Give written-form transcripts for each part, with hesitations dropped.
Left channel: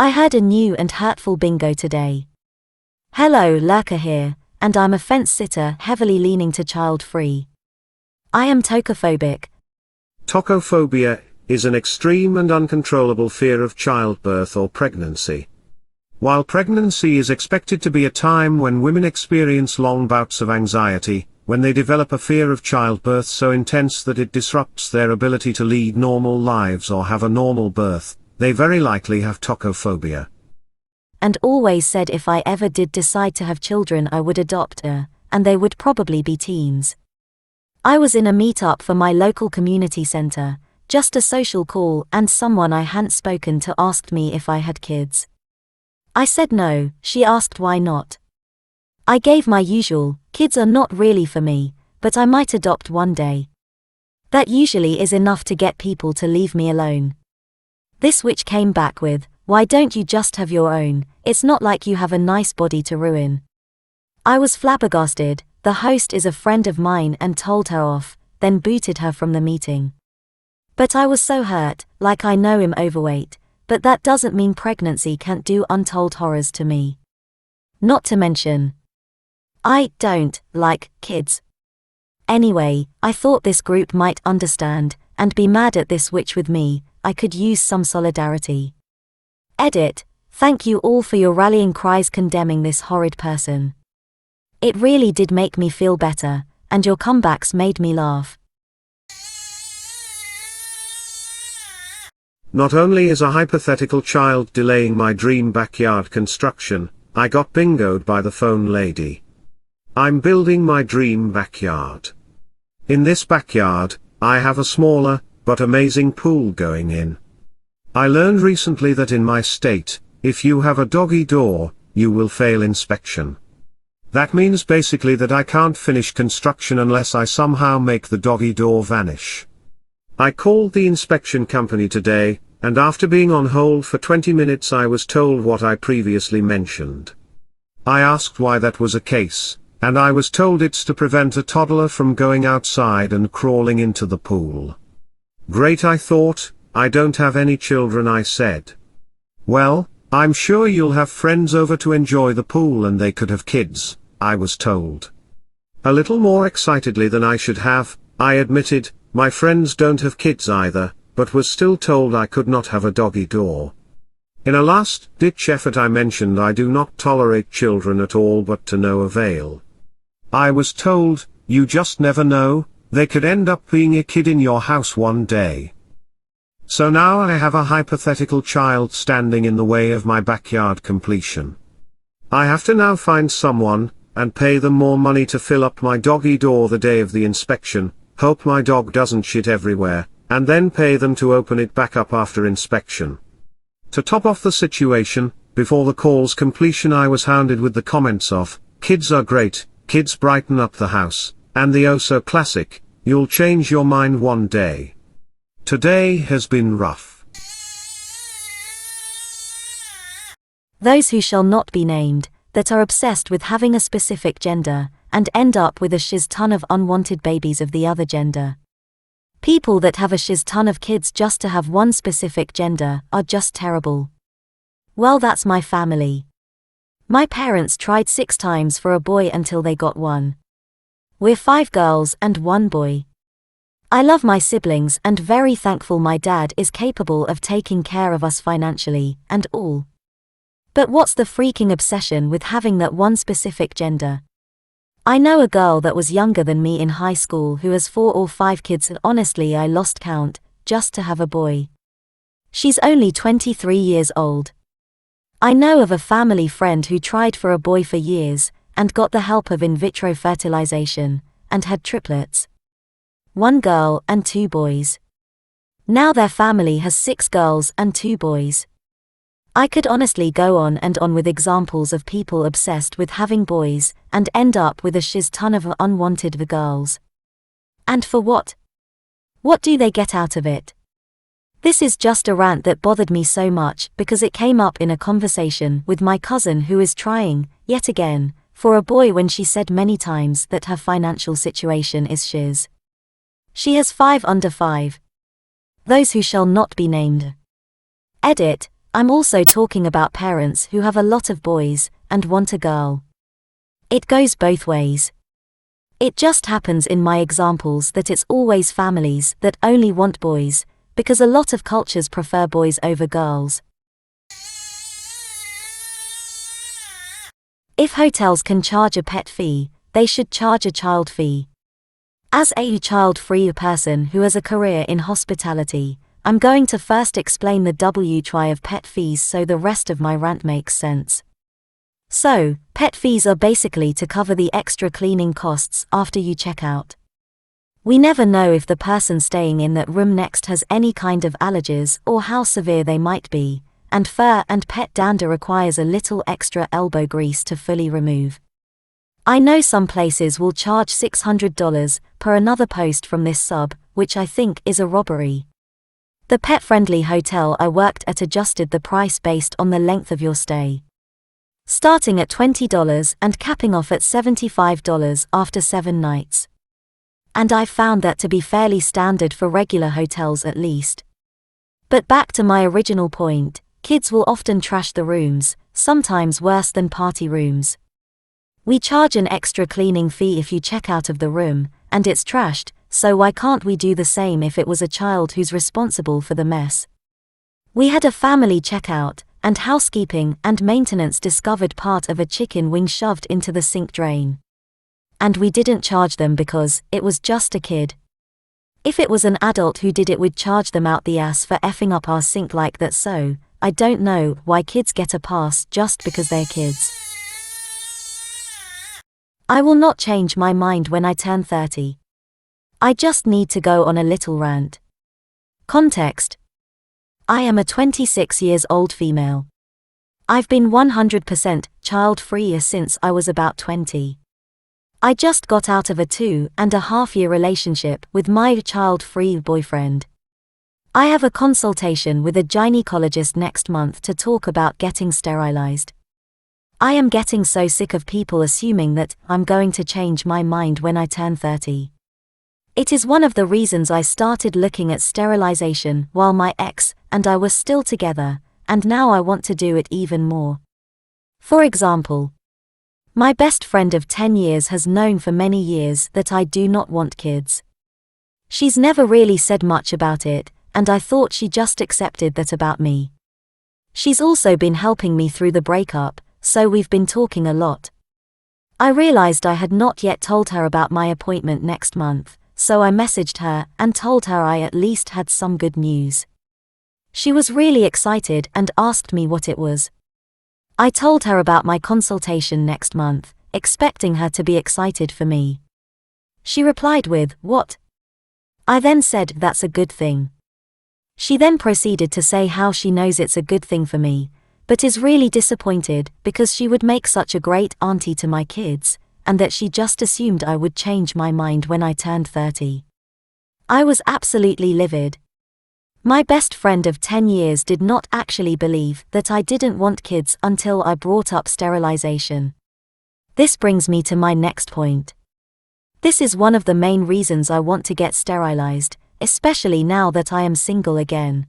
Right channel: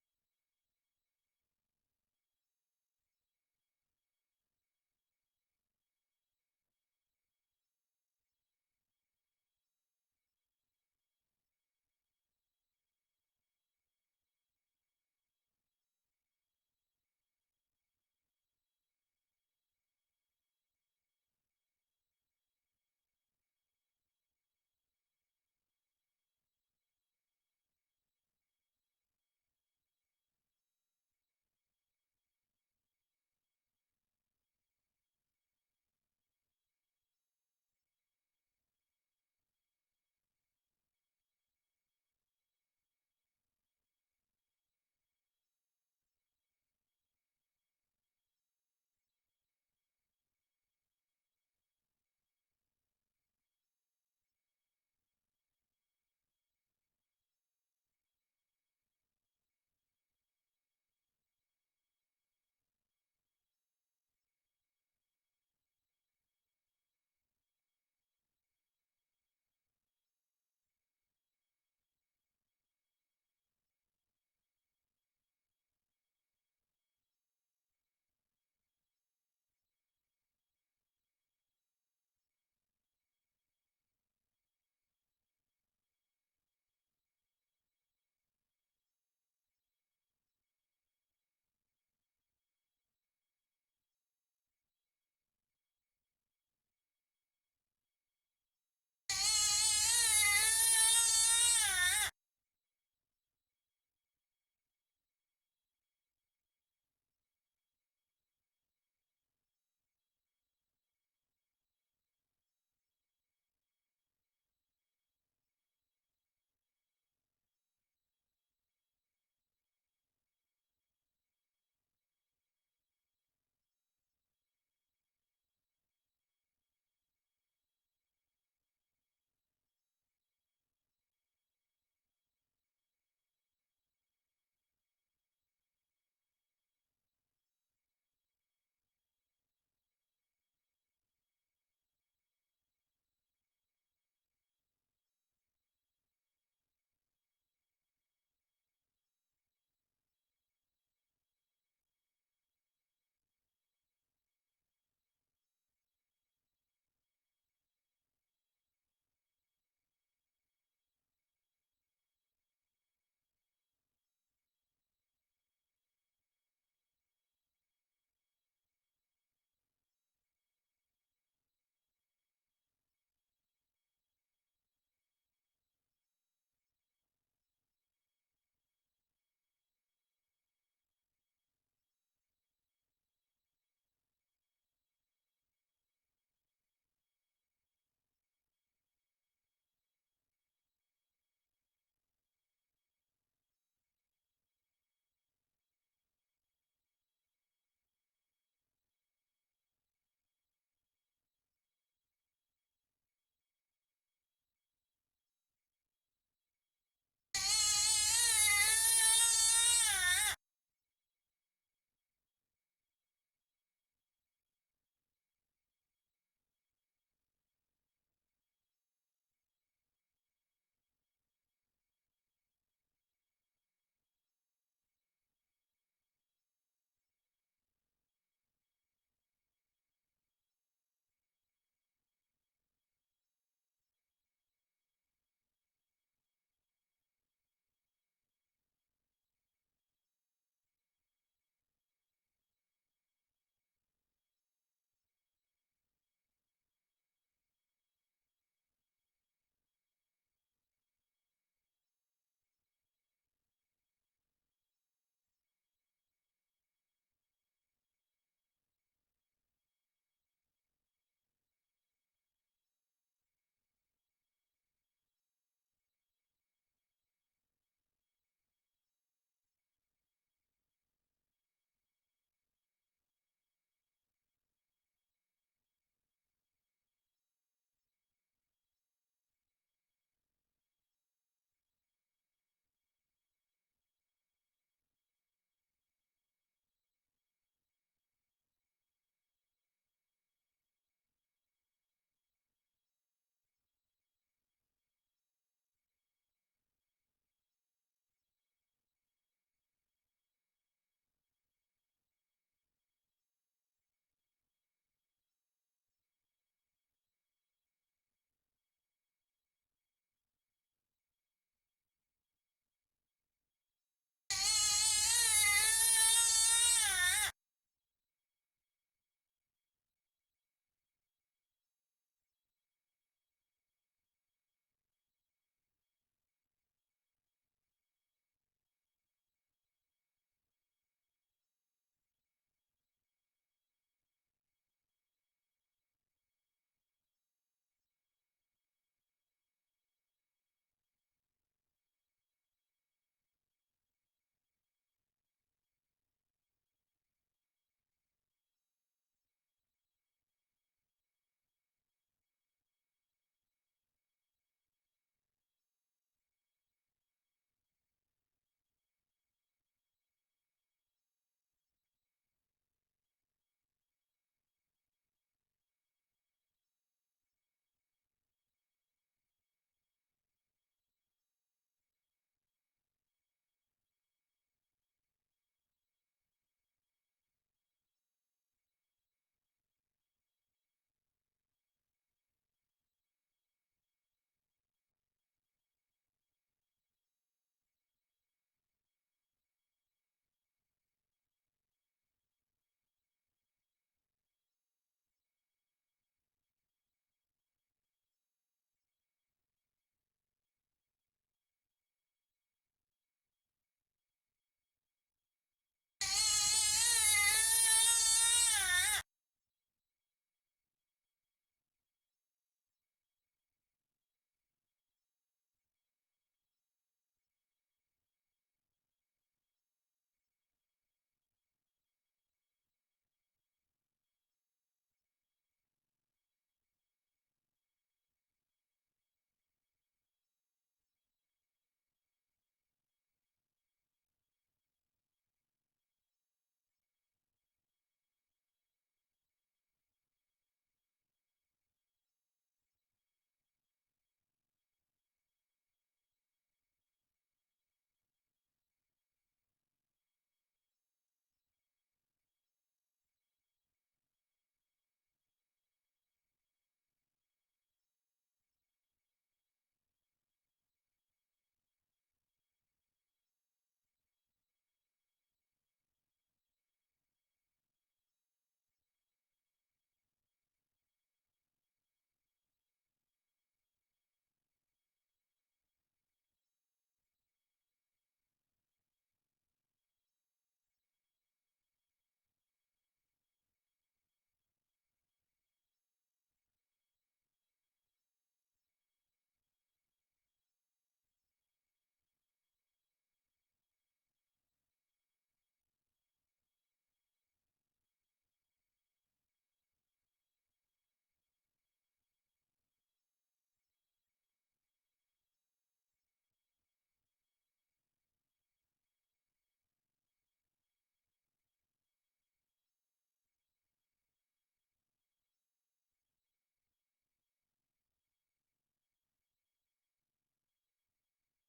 I heard a new and hurtful bingo today. Hello, Lurker here, and I'm a fence sitter heavily leaning to child-free. I am tocophobic. Tocophobia is an extreme and uncontrollable fear of childbirth or pregnancy. While pregnancy is expected to be a time when women experience long bouts of anxiety, when they develop a fear of childbirth so intense that it disrupts their ability to lead normal lives or have a normal birth, they very likely have tocophobia. And always said if I ever did decide to have children I would adopt a, and they would probably be teens. I was in a meetup for my local community center, just a social call, and someone I hadn't spoken to asked me if I had kids. I said no. She asked why not. I gave my usual, kids are not really for me, but I might adopt one day. That usually is enough to get people to leave me alone. This witch came back with, why don't you just have your own, it's not like you have a nice body to ruin. I was flabbergasted. The host is a friend of mine and told her off, then booted her from the meeting. But I was so hurt, like I know I'm overweight, but that doesn't mean pregnancy can't do untold horrors to me. Not to mention, I don't like kids. Anyway, I thought this group might understand, and be mad at this witch with me. I could use some solidarity. Edit. Thank you all for your rallying cries condemning this horrid person. It really did make me feel better, and your comebacks made me laugh. Not only is a hypothetical child delaying my dream backyard construction, I got bingoed by the phone lady. I'm building my dream backyard. In this backyard, I have a smaller, but amazing pool going in. I learned recently that in my state, if you have a doggy door, you will fail inspection. That means basically that I can't finish construction unless I somehow make the doggy door vanish. I called the inspection company today, and after being on hold for 20 minutes I was told what I previously mentioned. I asked why that was a case, and I was told it's to prevent a toddler from going outside and crawling into the pool. Great, I thought. I don't have any children, I said. Well, I'm sure you'll have friends over to enjoy the pool and they could have kids, I was told. A little more excitedly than I should have, I admitted, my friends don't have kids either, but was still told I could not have a doggy door. In a last-ditch effort I mentioned I do not tolerate children at all, but to no avail. I was told, you just never know, they could end up being a kid in your house one day. So now I have a hypothetical child standing in the way of my backyard completion. I have to now find someone, and pay them more money to fill up my doggy door the day of the inspection, hope my dog doesn't shit everywhere, and then pay them to open it back up after inspection. To top off the situation, before the call's completion I was hounded with the comments of, kids are great, kids brighten up the house, and the oh so classic, you'll change your mind one day. Today has been rough. Those who shall not be named, that are obsessed with having a specific gender, and end up with a shiz ton of unwanted babies of the other gender. People that have a shiz ton of kids just to have one specific gender, are just terrible. Well, that's my family. My parents tried 6 times for a boy until they got one. We're 5 girls and 1 boy. I love my siblings and very thankful my dad is capable of taking care of us financially, and all. But what's the freaking obsession with having that one specific gender? I know a girl that was younger than me in high school who has 4 or 5 kids, and honestly I lost count, just to have a boy. She's only 23 years old. I know of a family friend who tried for a boy for years, and got the help of in vitro fertilization, and had triplets. 1 girl and 2 boys. Now their family has 6 girls and 2 boys. I could honestly go on and on with examples of people obsessed with having boys, and end up with a shiz ton of unwanted girls. And for what? What do they get out of it? This is just a rant that bothered me so much because it came up in a conversation with my cousin who is trying, yet again, for a boy when she said many times that her financial situation is shiz. She has 5 under 5. Those who shall not be named. Edit. I'm also talking about parents who have a lot of boys and want a girl. It goes both ways. It just happens in my examples that it's always families that only want boys, because a lot of cultures prefer boys over girls. If hotels can charge a pet fee, they should charge a child fee. As a child-free person who has a career in hospitality, I'm going to first explain the WTY of pet fees so the rest of my rant makes sense. So, pet fees are basically to cover the extra cleaning costs after you check out. We never know if the person staying in that room next has any kind of allergies or how severe they might be, and fur and pet dander requires a little extra elbow grease to fully remove. I know some places will charge $600 per another post from this sub, which I think is a robbery. The pet-friendly hotel I worked at adjusted the price based on the length of your stay, starting at $20 and capping off at $75 after 7 nights. And I found that to be fairly standard for regular hotels at least. But back to my original point, kids will often trash the rooms, sometimes worse than party rooms. We charge an extra cleaning fee if you check out of the room, and it's trashed, so why can't we do the same if it was a child who's responsible for the mess? We had a family checkout, and housekeeping and maintenance discovered part of a chicken wing shoved into the sink drain. And we didn't charge them because it was just a kid. If it was an adult who did it, we'd charge them out the ass for effing up our sink like that, so I don't know why kids get a pass just because they're kids. I will not change my mind when I turn 30. I just need to go on a little rant. Context. I am a 26 years old female. I've been 100% child-free since I was about 20. I just got out of a 2.5-year relationship with my child-free boyfriend. I have a consultation with a gynecologist next month to talk about getting sterilized. I am getting so sick of people assuming that I'm going to change my mind when I turn 30. It is one of the reasons I started looking at sterilization while my ex and I were still together, and now I want to do it even more. For example, my best friend of 10 years has known for many years that I do not want kids. She's never really said much about it, and I thought she just accepted that about me. She's also been helping me through the breakup, so we've been talking a lot. I realized I had not yet told her about my appointment next month, so I messaged her and told her I at least had some good news. She was really excited and asked me what it was. I told her about my consultation next month, expecting her to be excited for me. She replied with, "What?" I then said, "That's a good thing." She then proceeded to say how she knows it's a good thing for me, but is really disappointed because she would make such a great auntie to my kids, and that she just assumed I would change my mind when I turned 30. I was absolutely livid. My best friend of 10 years did not actually believe that I didn't want kids until I brought up sterilization. This brings me to my next point. This is one of the main reasons I want to get sterilized, especially now that I am single again.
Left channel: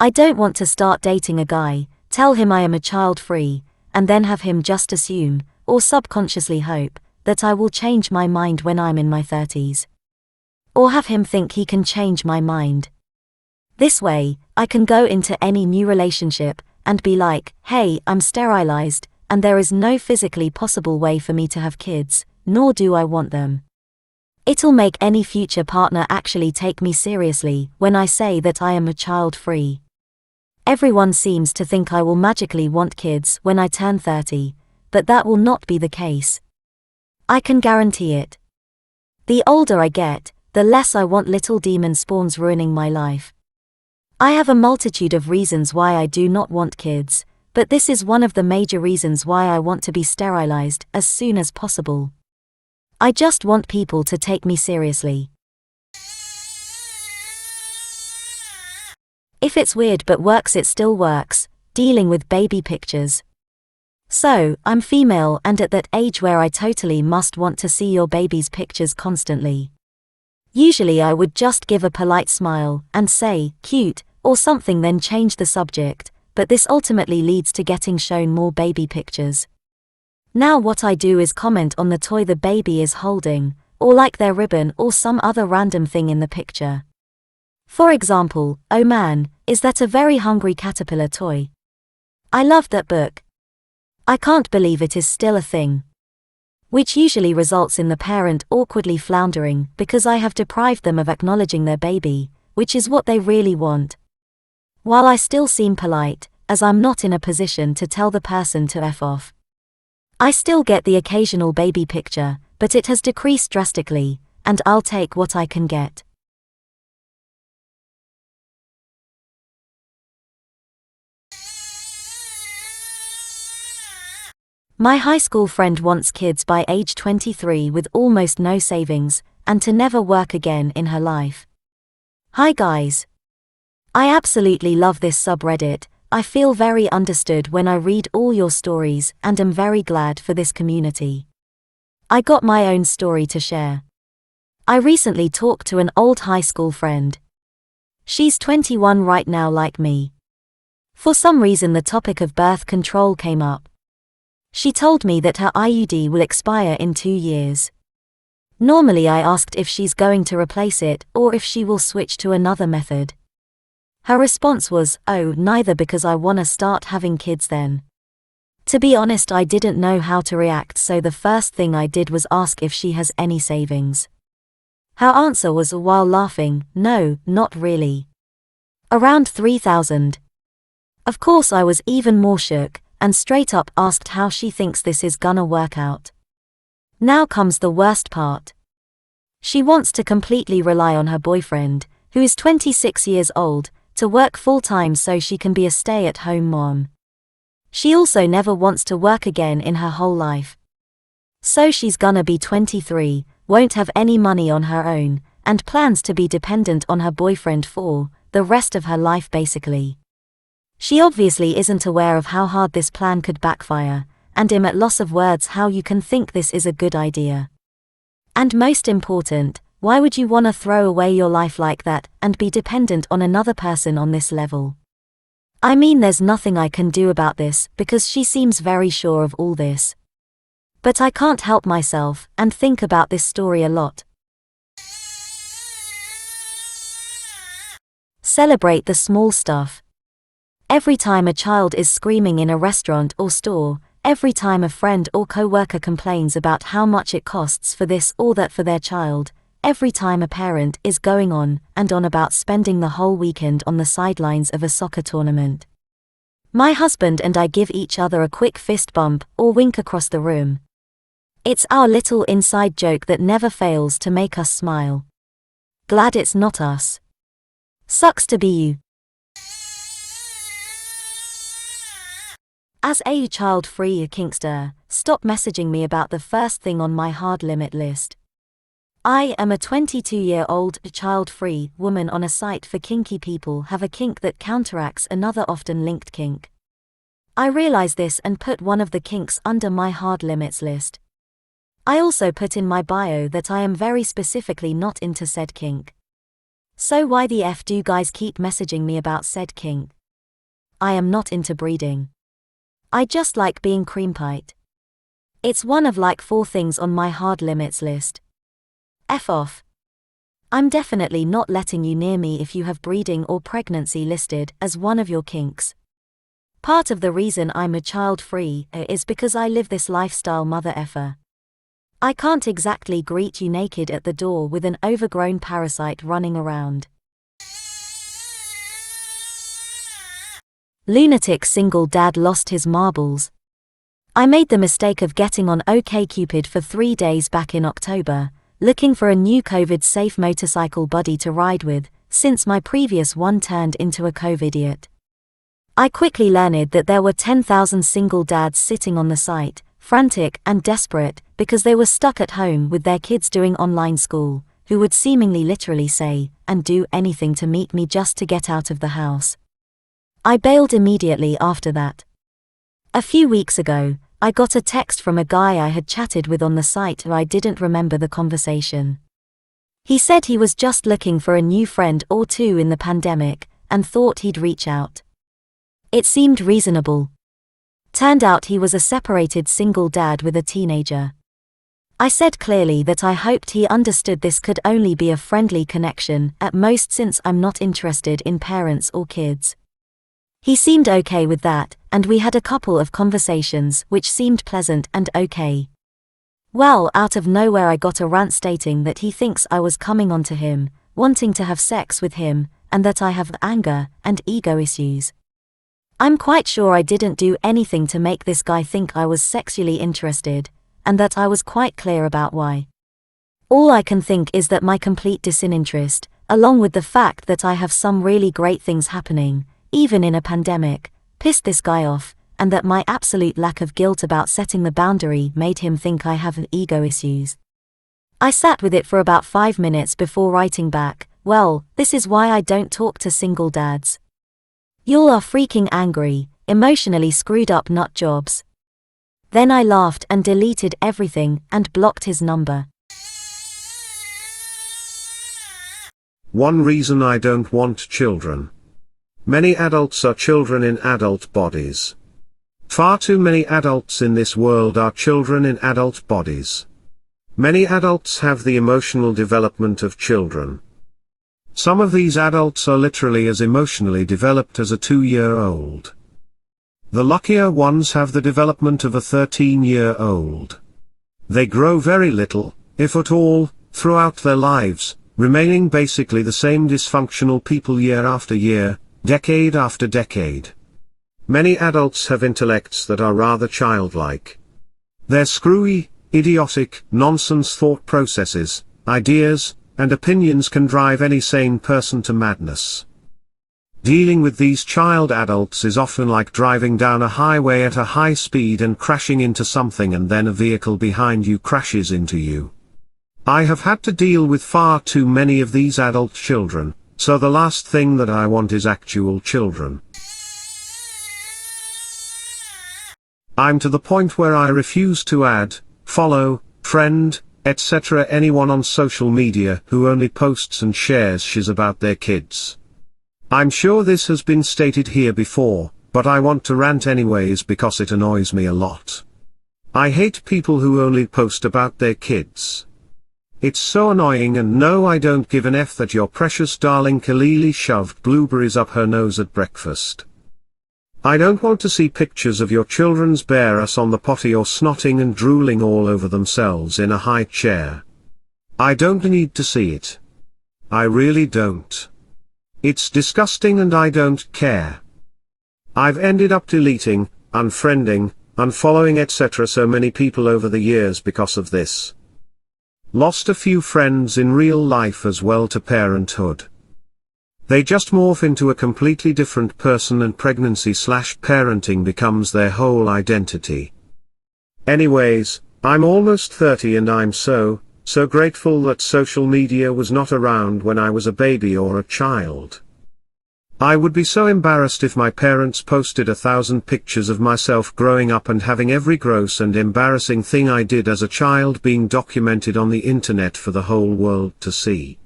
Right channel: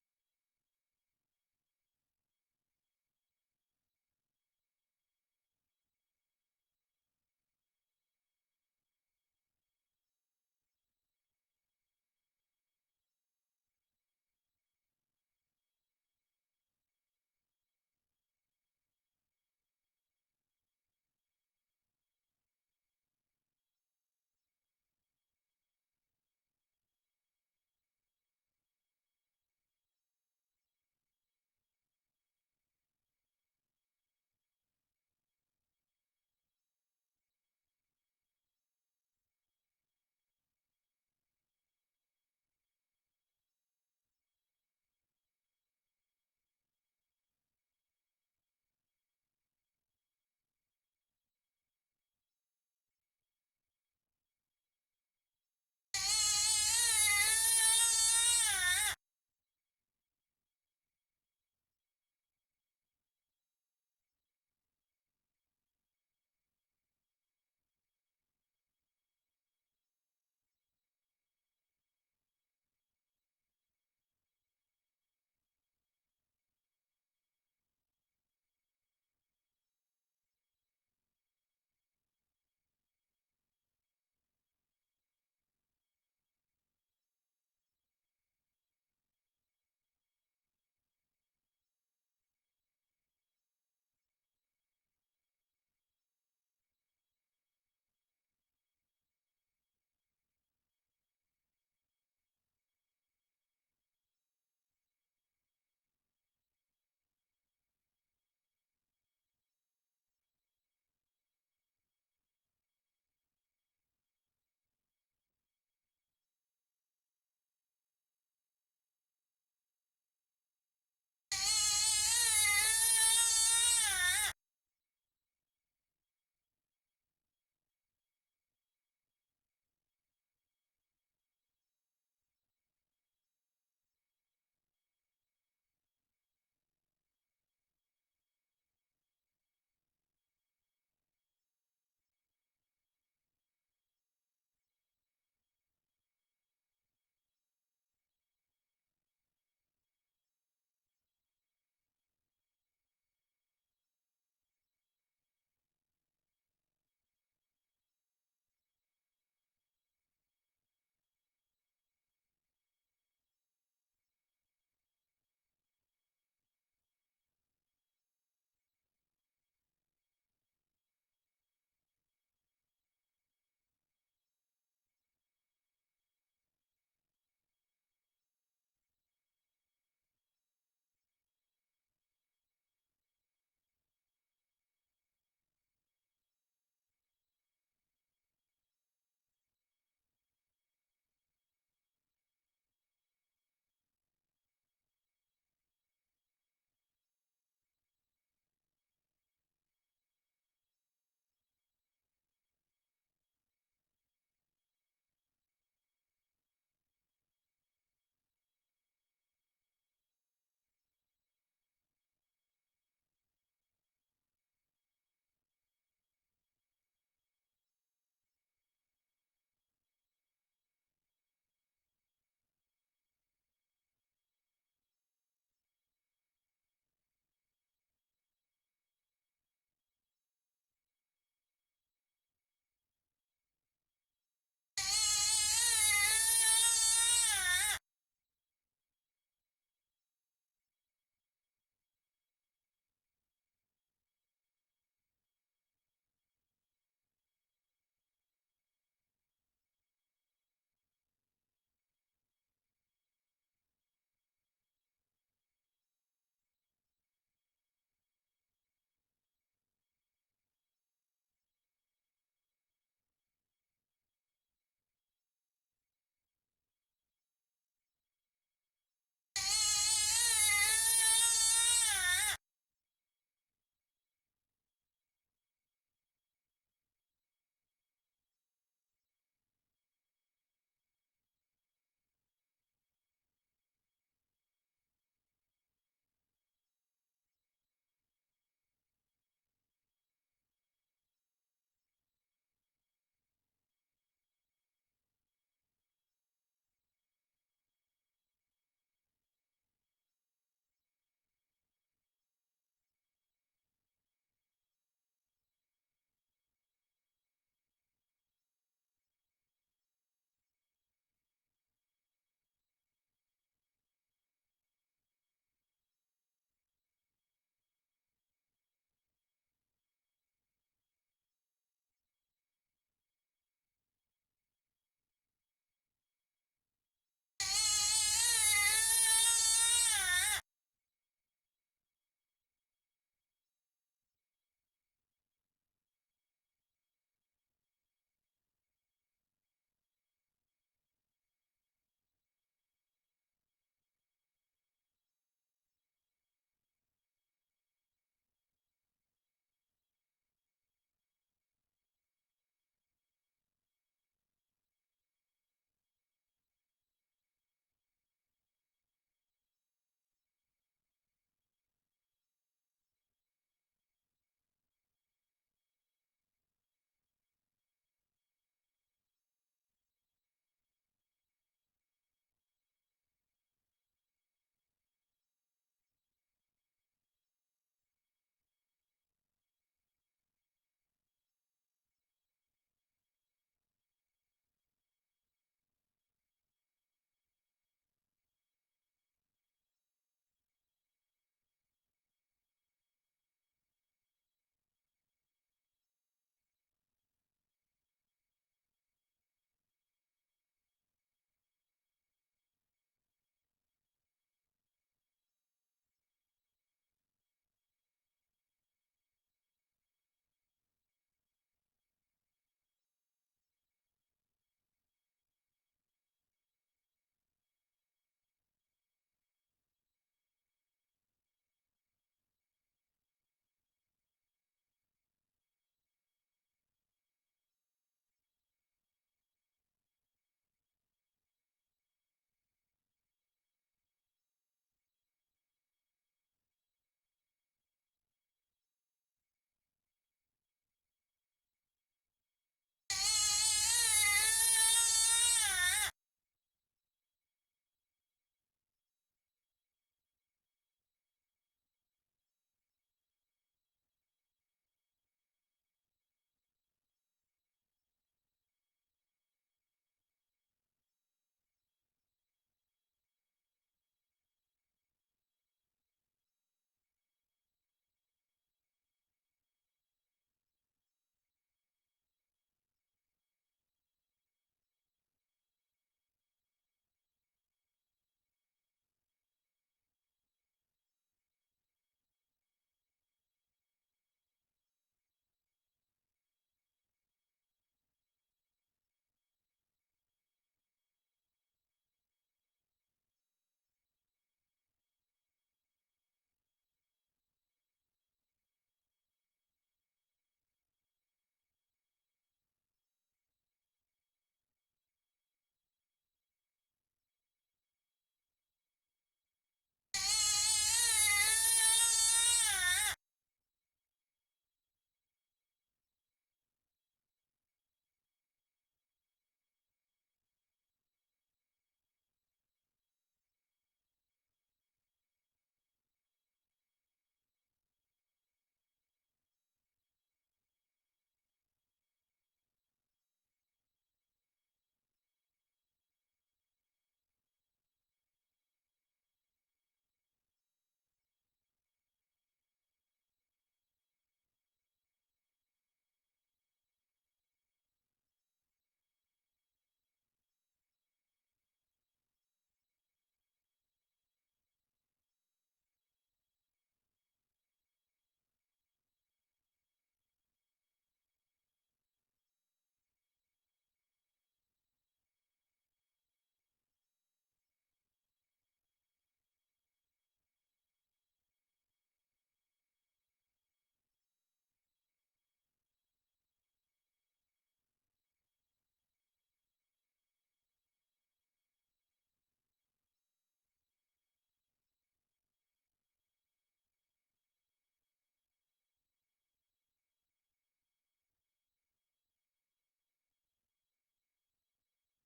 I don't want to start dating a guy, tell him I am a child-free, and then have him just assume, or subconsciously hope, that I will change my mind when I'm in my 30s. Or have him think he can change my mind. This way, I can go into any new relationship and be like, "Hey, I'm sterilized, and there is no physically possible way for me to have kids, nor do I want them." It'll make any future partner actually take me seriously when I say that I am a child-free. Everyone seems to think I will magically want kids when I turn 30, but that will not be the case. I can guarantee it. The older I get, the less I want little demon spawns ruining my life. I have a multitude of reasons why I do not want kids, but this is one of the major reasons why I want to be sterilized as soon as possible. I just want people to take me seriously. If it's weird but works, it still works, dealing with baby pictures. So, I'm female and at that age where I totally must want to see your baby's pictures constantly. Usually I would just give a polite smile and say, "Cute," or something, then change the subject, but this ultimately leads to getting shown more baby pictures. Now what I do is comment on the toy the baby is holding, or like their ribbon or some other random thing in the picture. For example, "Oh man, is that a very hungry caterpillar toy? I loved that book. I can't believe it is still a thing." Which usually results in the parent awkwardly floundering because I have deprived them of acknowledging their baby, which is what they really want. While I still seem polite, as I'm not in a position to tell the person to F off. I still get the occasional baby picture, but it has decreased drastically, and I'll take what I can get. My high school friend wants kids by age 23 with almost no savings, and to never work again in her life. Hi guys. I absolutely love this subreddit. I feel very understood when I read all your stories and am very glad for this community. I got my own story to share. I recently talked to an old high school friend. She's 21 right now like me. For some reason the topic of birth control came up. She told me that her IUD will expire in 2 years. Normally I asked if she's going to replace it or if she will switch to another method. Her response was, "Oh, neither, because I wanna start having kids then." To be honest, I didn't know how to react, so the first thing I did was ask if she has any savings. Her answer was, while laughing, "No, not really. Around 3,000. Of course I was even more shook, and straight up asked how she thinks this is gonna work out. Now comes the worst part. She wants to completely rely on her boyfriend, who is 26 years old, to work full-time so she can be a stay-at-home mom. She also never wants to work again in her whole life. So she's gonna be 23, won't have any money on her own, and plans to be dependent on her boyfriend for the rest of her life basically. She obviously isn't aware of how hard this plan could backfire, and I'm at loss of words how you can think this is a good idea. And most important, why would you want to throw away your life like that and be dependent on another person on this level? I mean, there's nothing I can do about this because she seems very sure of all this. But I can't help myself and think about this story a lot. Celebrate the small stuff. Every time a child is screaming in a restaurant or store, every time a friend or co-worker complains about how much it costs for this or that for their child, every time a parent is going on and on about spending the whole weekend on the sidelines of a soccer tournament. My husband and I give each other a quick fist bump or wink across the room. It's our little inside joke that never fails to make us smile. Glad it's not us. Sucks to be you. As a child-free kinkster, stop messaging me about the first thing on my hard limit list. I am a 22-year-old child-free woman on a site for kinky people have a kink that counteracts another often linked kink. I realize this and put one of the kinks under my hard limits list. I also put in my bio that I am very specifically not into said kink. So why the F do guys keep messaging me about said kink? I am not into breeding. I just like being cream-piped. It's one of like 4 things on my hard limits list. F off. I'm definitely not letting you near me if you have breeding or pregnancy listed as one of your kinks. Part of the reason I'm a child-free is because I live this lifestyle mother effer. I can't exactly greet you naked at the door with an overgrown parasite running around. Lunatic single dad lost his marbles. I made the mistake of getting on OkCupid for 3 days back in October, looking for a new COVID-safe motorcycle buddy to ride with, since my previous one turned into a COVID-idiot. I quickly learned that there were 10,000 single dads sitting on the site, frantic and desperate, because they were stuck at home with their kids doing online school, who would seemingly literally say and do anything to meet me just to get out of the house. I bailed immediately after that. A few weeks ago, I got a text from a guy I had chatted with on the site who I didn't remember the conversation. He said he was just looking for a new friend or two in the pandemic, and thought he'd reach out. It seemed reasonable. Turned out he was a separated single dad with a teenager. I said clearly that I hoped he understood this could only be a friendly connection at most, since I'm not interested in parents or kids. He seemed okay with that, and we had a couple of conversations which seemed pleasant and okay. Well, out of nowhere I got a rant stating that he thinks I was coming on to him, wanting to have sex with him, and that I have anger and ego issues. I'm quite sure I didn't do anything to make this guy think I was sexually interested, and that I was quite clear about why. All I can think is that my complete disinterest, along with the fact that I have some really great things happening, even in a pandemic, pissed this guy off, and that my absolute lack of guilt about setting the boundary made him think I have ego issues. I sat with it for about 5 minutes before writing back, "Well, this is why I don't talk to single dads. Y'all are freaking angry, emotionally screwed up nut jobs." Then I laughed and deleted everything and blocked his number. One reason I don't want children. Many adults are children in adult bodies. Far too many adults in this world are children in adult bodies. Many adults have the emotional development of children. Some of these adults are literally as emotionally developed as a 2-year-old. The luckier ones have the development of a 13-year-old. They grow very little, if at all, throughout their lives, remaining basically the same dysfunctional people year after year, decade after decade. Many adults have intellects that are rather childlike. Their screwy, idiotic, nonsense thought processes, ideas, and opinions can drive any sane person to madness. Dealing with these child adults is often like driving down a highway at a high speed and crashing into something, and then a vehicle behind you crashes into you. I have had to deal with far too many of these adult children, so the last thing that I want is actual children. I'm to the point where I refuse to add, follow, friend, etc. anyone on social media who only posts and shares shiz about their kids. I'm sure this has been stated here before, but I want to rant anyways because it annoys me a lot. I hate people who only post about their kids. It's so annoying, and no, I don't give an F that your precious darling Kalili shoved blueberries up her nose at breakfast. I don't want to see pictures of your children's bare ass on the potty or snotting and drooling all over themselves in a high chair. I don't need to see it. I really don't. It's disgusting and I don't care. I've ended up deleting, unfriending, unfollowing etc. so many people over the years because of this. Lost a few friends in real life as well to parenthood. They just morph into a completely different person, and pregnancy/parenting becomes their whole identity. Anyways, I'm almost 30 and I'm so grateful that social media was not around when I was a baby or a child. I would be so embarrassed if my parents posted 1,000 pictures of myself growing up and having every gross and embarrassing thing I did as a child being documented on the internet for the whole world to see.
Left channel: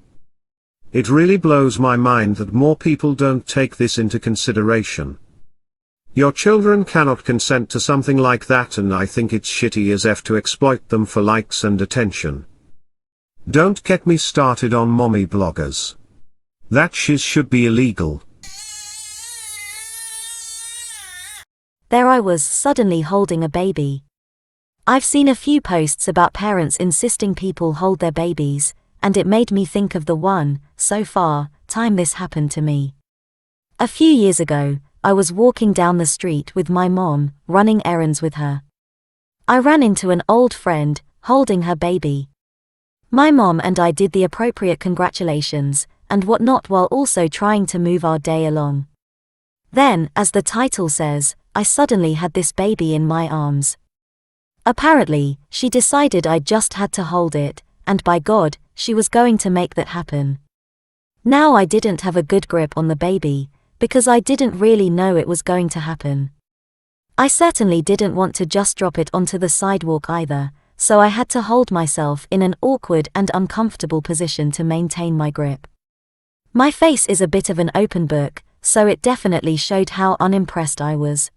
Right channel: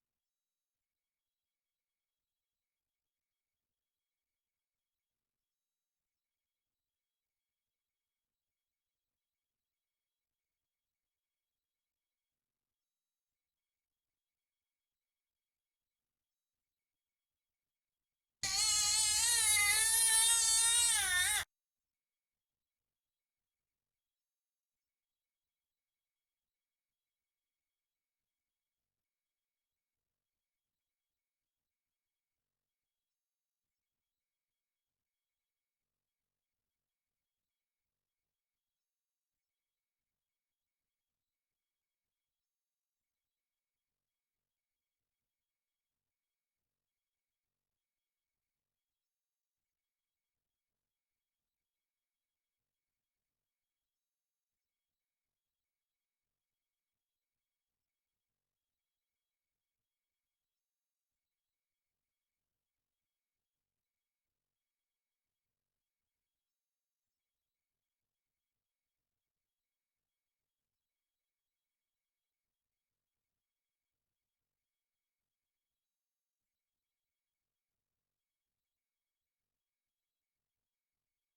It really blows my mind that more people don't take this into consideration. Your children cannot consent to something like that, and I think it's shitty as F to exploit them for likes and attention. Don't get me started on mommy bloggers. That shiz should be illegal. There I was, suddenly holding a baby. I've seen a few posts about parents insisting people hold their babies, and it made me think of the time this happened to me. A few years ago, I was walking down the street with my mom, running errands with her. I ran into an old friend, holding her baby. My mom and I did the appropriate congratulations and whatnot while also trying to move our day along. Then, as the title says, I suddenly had this baby in my arms. Apparently, she decided I just had to hold it, and by God, she was going to make that happen. Now I didn't have a good grip on the baby, because I didn't really know it was going to happen. I certainly didn't want to just drop it onto the sidewalk either, so I had to hold myself in an awkward and uncomfortable position to maintain my grip. My face is a bit of an open book, so it definitely showed how unimpressed I was.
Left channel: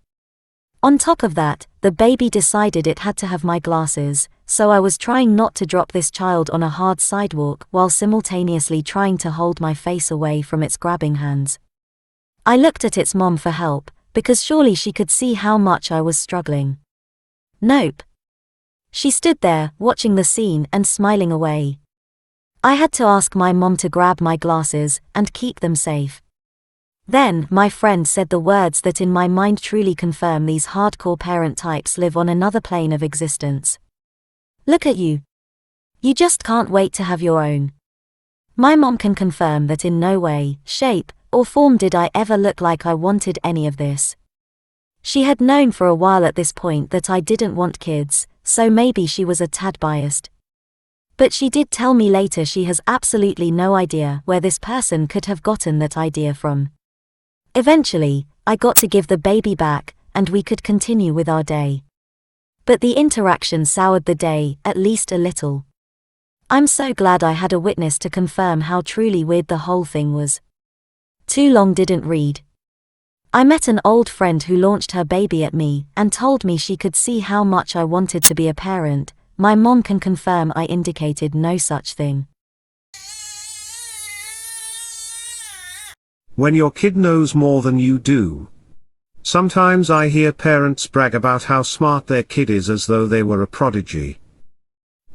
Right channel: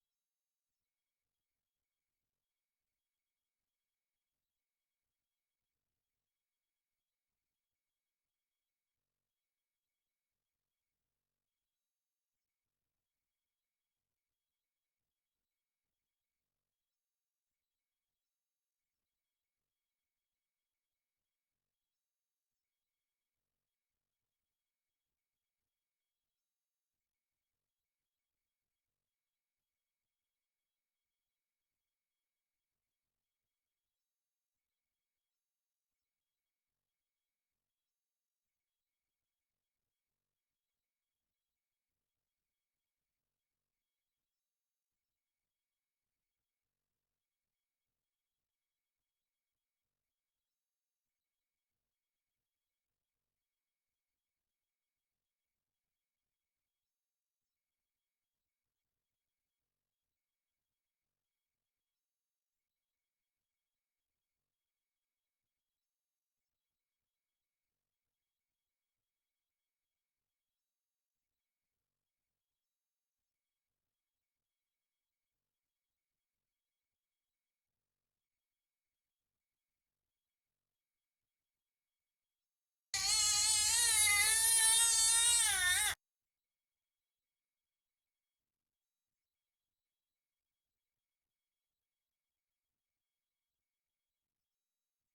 On top of that, the baby decided it had to have my glasses, so I was trying not to drop this child on a hard sidewalk while simultaneously trying to hold my face away from its grabbing hands. I looked at its mom for help, because surely she could see how much I was struggling. Nope. She stood there, watching the scene and smiling away. I had to ask my mom to grab my glasses and keep them safe. Then, my friend said the words that in my mind truly confirm these hardcore parent types live on another plane of existence. Look at you. You just can't wait to have your own. My mom can confirm that in no way, shape, or form did I ever look like I wanted any of this. She had known for a while at this point that I didn't want kids, so maybe she was a tad biased. But she did tell me later she has absolutely no idea where this person could have gotten that idea from. Eventually, I got to give the baby back, and we could continue with our day. But the interaction soured the day, at least a little. I'm so glad I had a witness to confirm how truly weird the whole thing was. Too long didn't read. I met an old friend who launched her baby at me and told me she could see how much I wanted to be a parent. My mom can confirm I indicated no such thing. When your kid knows more than you do. Sometimes I hear parents brag about how smart their kid is as though they were a prodigy.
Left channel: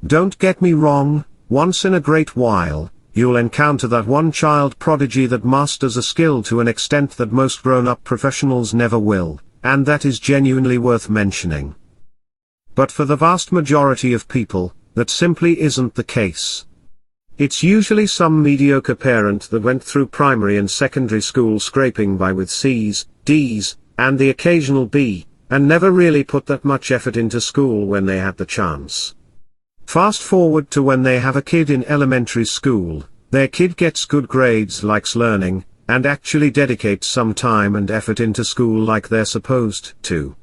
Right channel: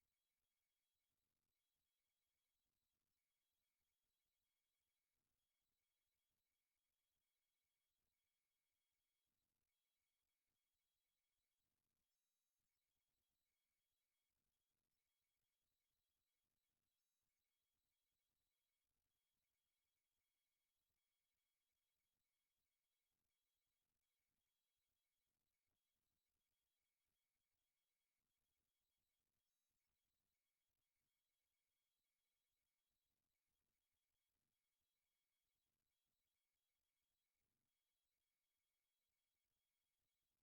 Don't get me wrong, once in a great while, you'll encounter that one child prodigy that masters a skill to an extent that most grown-up professionals never will, and that is genuinely worth mentioning. But for the vast majority of people, that simply isn't the case. It's usually some mediocre parent that went through primary and secondary school scraping by with C's, D's, and the occasional B, and never really put that much effort into school when they had the chance. Fast forward to when they have a kid in elementary school, their kid gets good grades, likes learning, and actually dedicates some time and effort into school like they're supposed to.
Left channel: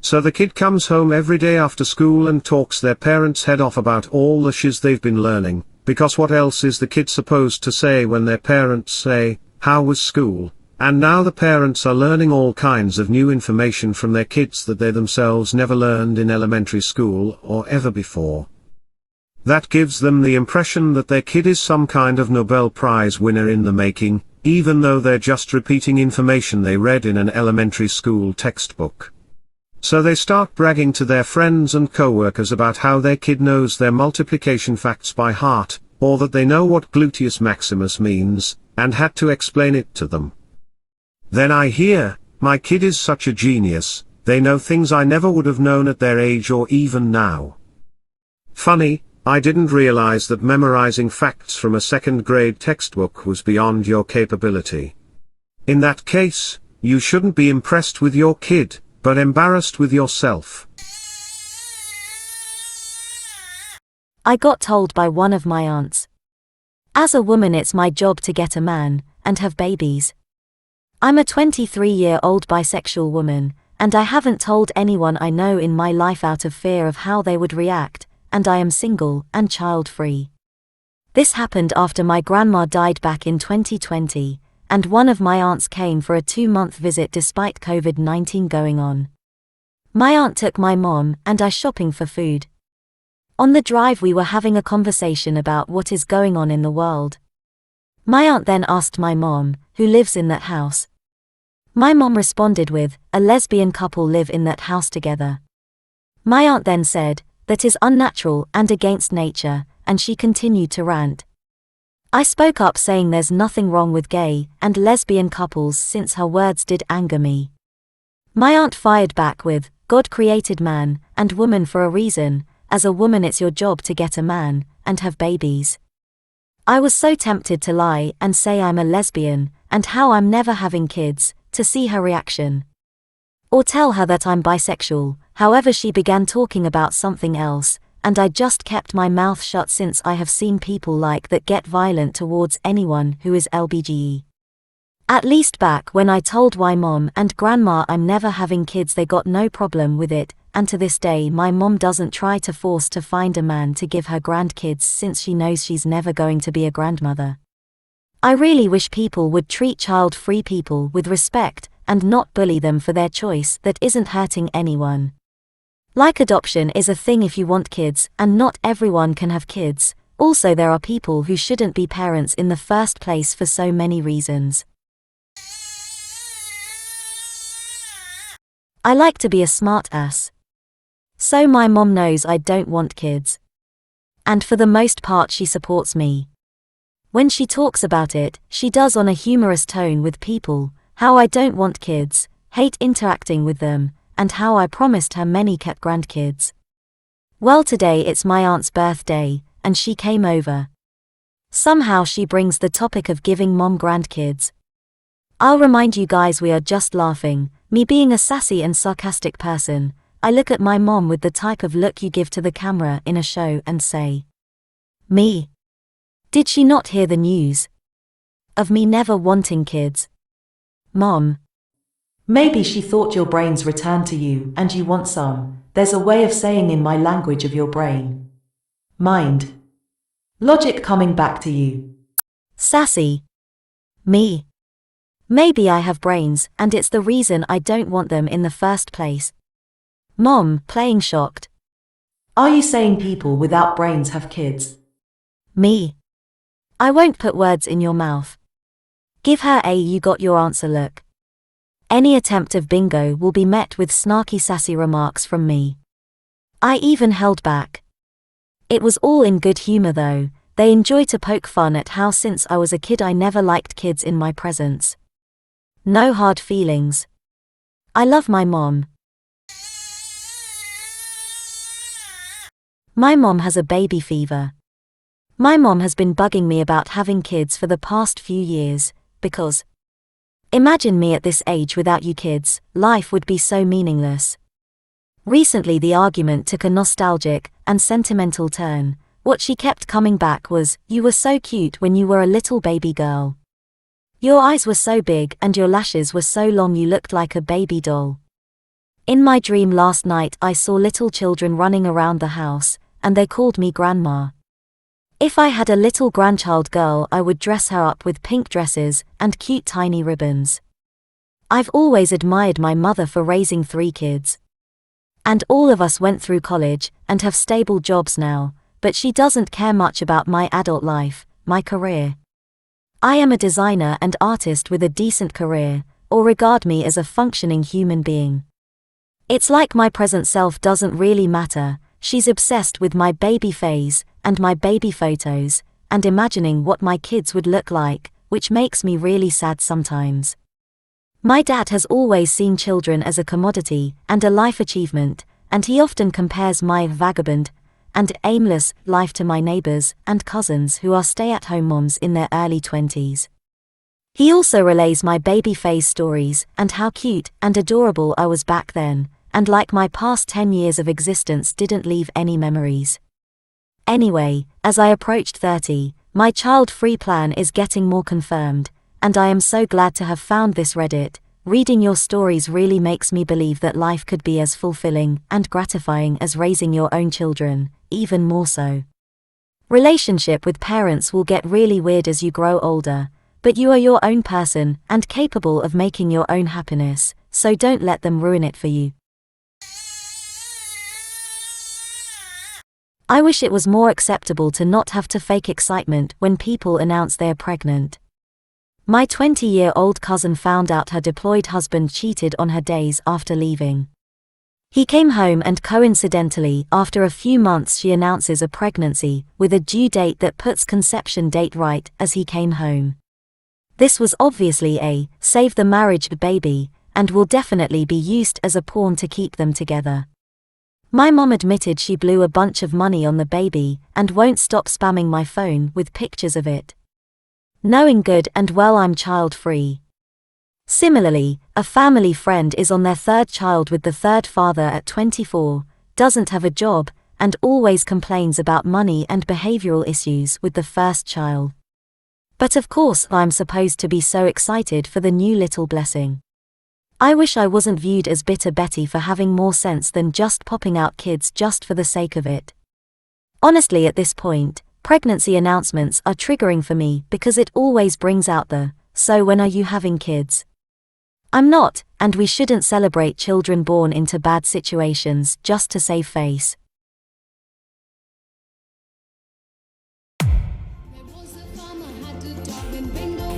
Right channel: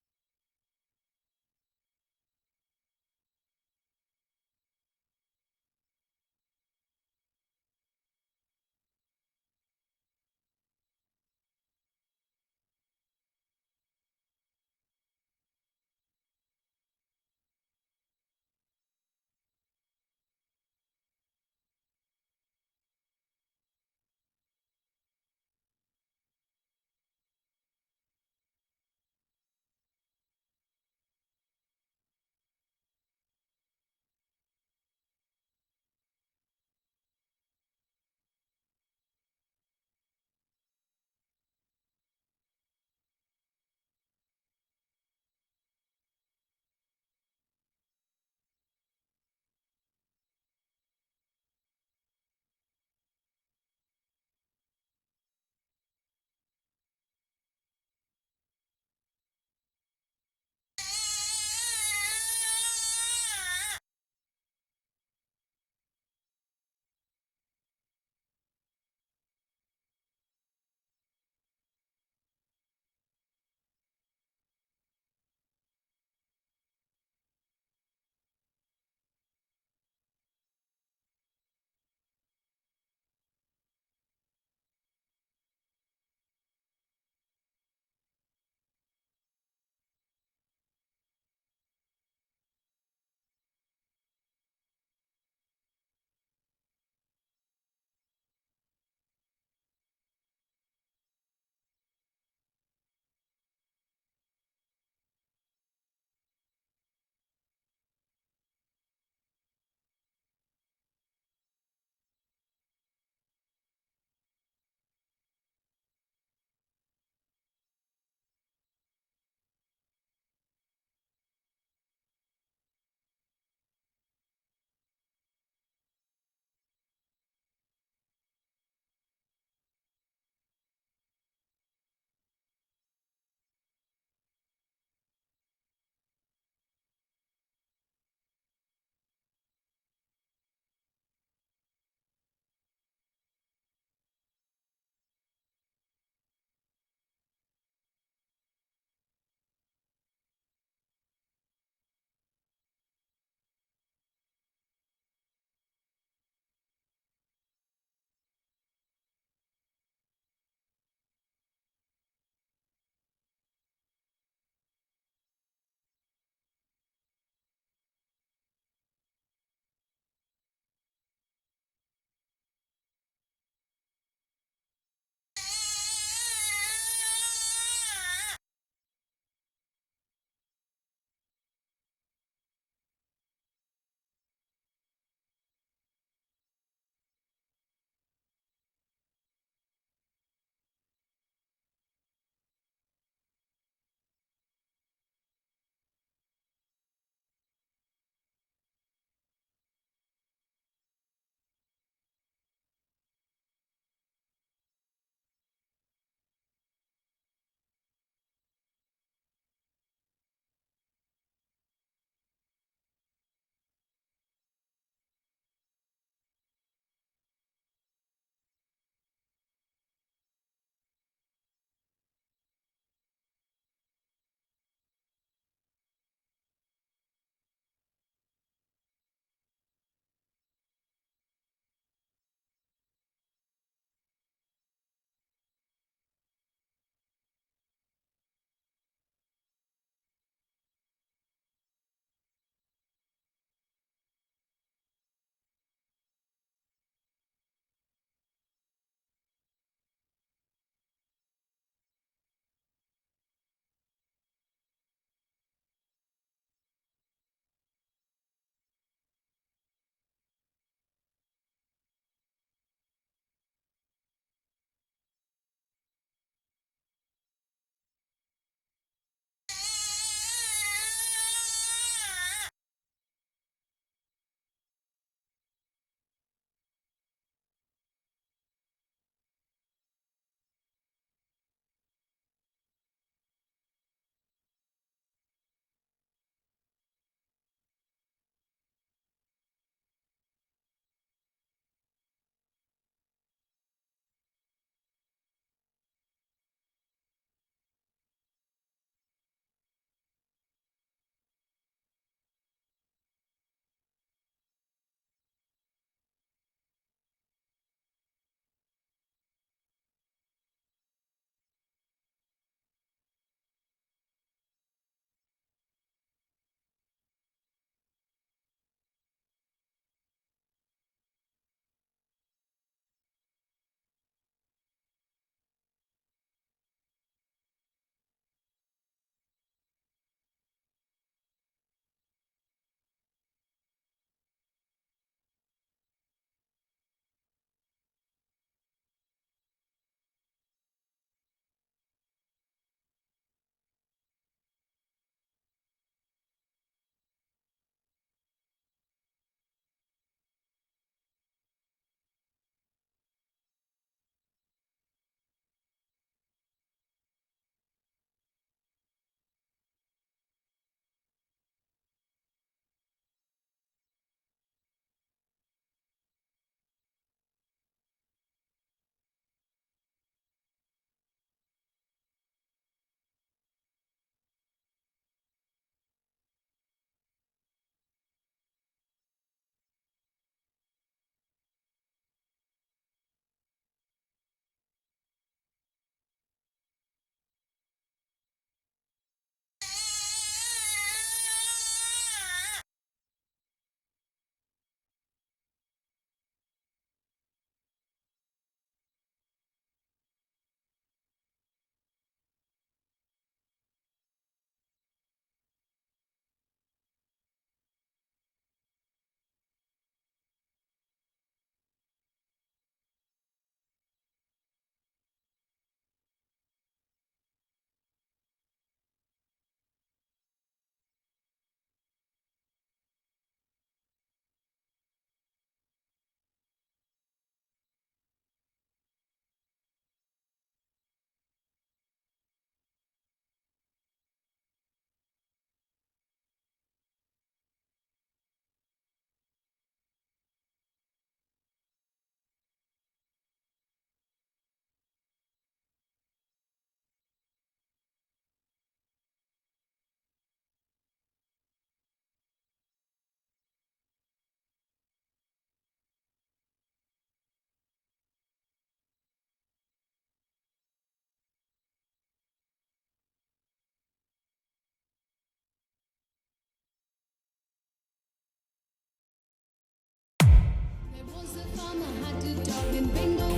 So the kid comes home every day after school and talks their parents' head off about all the shiz they've been learning, because what else is the kid supposed to say when their parents say, "How was school?" And now the parents are learning all kinds of new information from their kids that they themselves never learned in elementary school or ever before. That gives them the impression that their kid is some kind of Nobel Prize winner in the making, even though they're just repeating information they read in an elementary school textbook. So they start bragging to their friends and coworkers about how their kid knows their multiplication facts by heart, or that they know what gluteus maximus means, and had to explain it to them. Then I hear, "My kid is such a genius, they know things I never would have known at their age or even now." Funny, I didn't realize that memorizing facts from a second-grade textbook was beyond your capability. In that case, you shouldn't be impressed with your kid, but embarrassed with yourself. I got told by one of my aunts. As a woman, it's my job to get a man and have babies. I'm a 23-year-old bisexual woman, and I haven't told anyone I know in my life out of fear of how they would react, and I am single and child-free. This happened after my grandma died back in 2020, and one of my aunts came for a 2-month visit despite COVID-19 going on. My aunt took my mom and I shopping for food. On the drive we were having a conversation about what is going on in the world. My aunt then asked my mom, who lives in that house. My mom responded with, "A lesbian couple live in that house together." My aunt then said, "That is unnatural and against nature," and she continued to rant. I spoke up saying there's nothing wrong with gay and lesbian couples since her words did anger me. My aunt fired back with, "God created man and woman for a reason. As a woman it's your job to get a man and have babies." I was so tempted to lie and say I'm a lesbian and how I'm never having kids, to see her reaction. Or tell her that I'm bisexual. However, she began talking about something else, and I just kept my mouth shut since I have seen people like that get violent towards anyone who is LBGE. At least back when I told my mom and grandma I'm never having kids, they got no problem with it, and to this day my mom doesn't try to force to find a man to give her grandkids since she knows she's never going to be a grandmother. I really wish people would treat child-free people with respect and not bully them for their choice that isn't hurting anyone. Like adoption is a thing if you want kids, and not everyone can have kids. Also, there are people who shouldn't be parents in the first place for so many reasons. I like to be a smart ass. So my mom knows I don't want kids. And for the most part she supports me. When she talks about it, she does on a humorous tone with people, how I don't want kids, hate interacting with them, and how I promised her many cat grandkids. Well, today it's my aunt's birthday, and she came over. Somehow she brings the topic of giving mom grandkids. I'll remind you guys we are just laughing, me being a sassy and sarcastic person. I look at my mom with the type of look you give to the camera in a show and say, "Me? Did she not hear the news? Of me never wanting kids? Mom. Maybe she thought your brains returned to you and you want some. There's a way of saying in my language of your brain. Mind. Logic coming back to you." Sassy. Me. Maybe I have brains, and it's the reason I don't want them in the first place. Mom, playing shocked. Are you saying people without brains have kids? Me. I won't put words in your mouth. Give her a "you got your answer" look. Any attempt of bingo will be met with snarky sassy remarks from me. I even held back. It was all in good humor though. They enjoy to poke fun at how since I was a kid I never liked kids in my presence. No hard feelings. I love my mom. My mom has a baby fever. My mom has been bugging me about having kids for the past few years, because imagine me at this age without you kids, life would be so meaningless. Recently the argument took a nostalgic and sentimental turn. What she kept coming back was, "You were so cute when you were a little baby girl. Your eyes were so big and your lashes were so long you looked like a baby doll." In my dream last night I saw little children running around the house, and they called me grandma. If I had a little grandchild girl I would dress her up with pink dresses and cute tiny ribbons. I've always admired my mother for raising 3 kids. And all of us went through college and have stable jobs now, but she doesn't care much about my adult life, my career. I am a designer and artist with a decent career, or regard me as a functioning human being. It's like my present self doesn't really matter. She's obsessed with my baby phase and my baby photos, and imagining what my kids would look like, which makes me really sad sometimes. My dad has always seen children as a commodity and a life achievement, and he often compares my vagabond and aimless life to my neighbors and cousins who are stay-at-home moms in their early 20s. He also relays my baby phase stories and how cute and adorable I was back then, and like my past 10 years of existence didn't leave any memories. Anyway, as I approached 30, my child-free plan is getting more confirmed, and I am so glad to have found this Reddit. Reading your stories really makes me believe that life could be as fulfilling and gratifying as raising your own children, even more so. Relationship with parents will get really weird as you grow older, but you are your own person and capable of making your own happiness, so don't let them ruin it for you. I wish it was more acceptable to not have to fake excitement when people announce they're pregnant. My 20-year-old cousin found out her deployed husband cheated on her days after leaving. He came home and coincidentally, after a few months she announces a pregnancy, with a due date that puts conception date right as he came home. This was obviously a save the marriage baby, and will definitely be used as a pawn to keep them together. My mom admitted she blew a bunch of money on the baby and won't stop spamming my phone with pictures of it. Knowing good and well I'm child-free. Similarly, a family friend is on their 3rd child with the 3rd father at 24, doesn't have a job, and always complains about money and behavioral issues with the 1st child. But of course I'm supposed to be so excited for the new little blessing. I wish I wasn't viewed as bitter Betty for having more sense than just popping out kids just for the sake of it. Honestly, at this point, Pregnancy announcements are triggering for me because it always brings out the, "So when are you having kids?" I'm not, and we shouldn't celebrate children born into bad situations just to save face. There was a farmer had a dog named Bingo.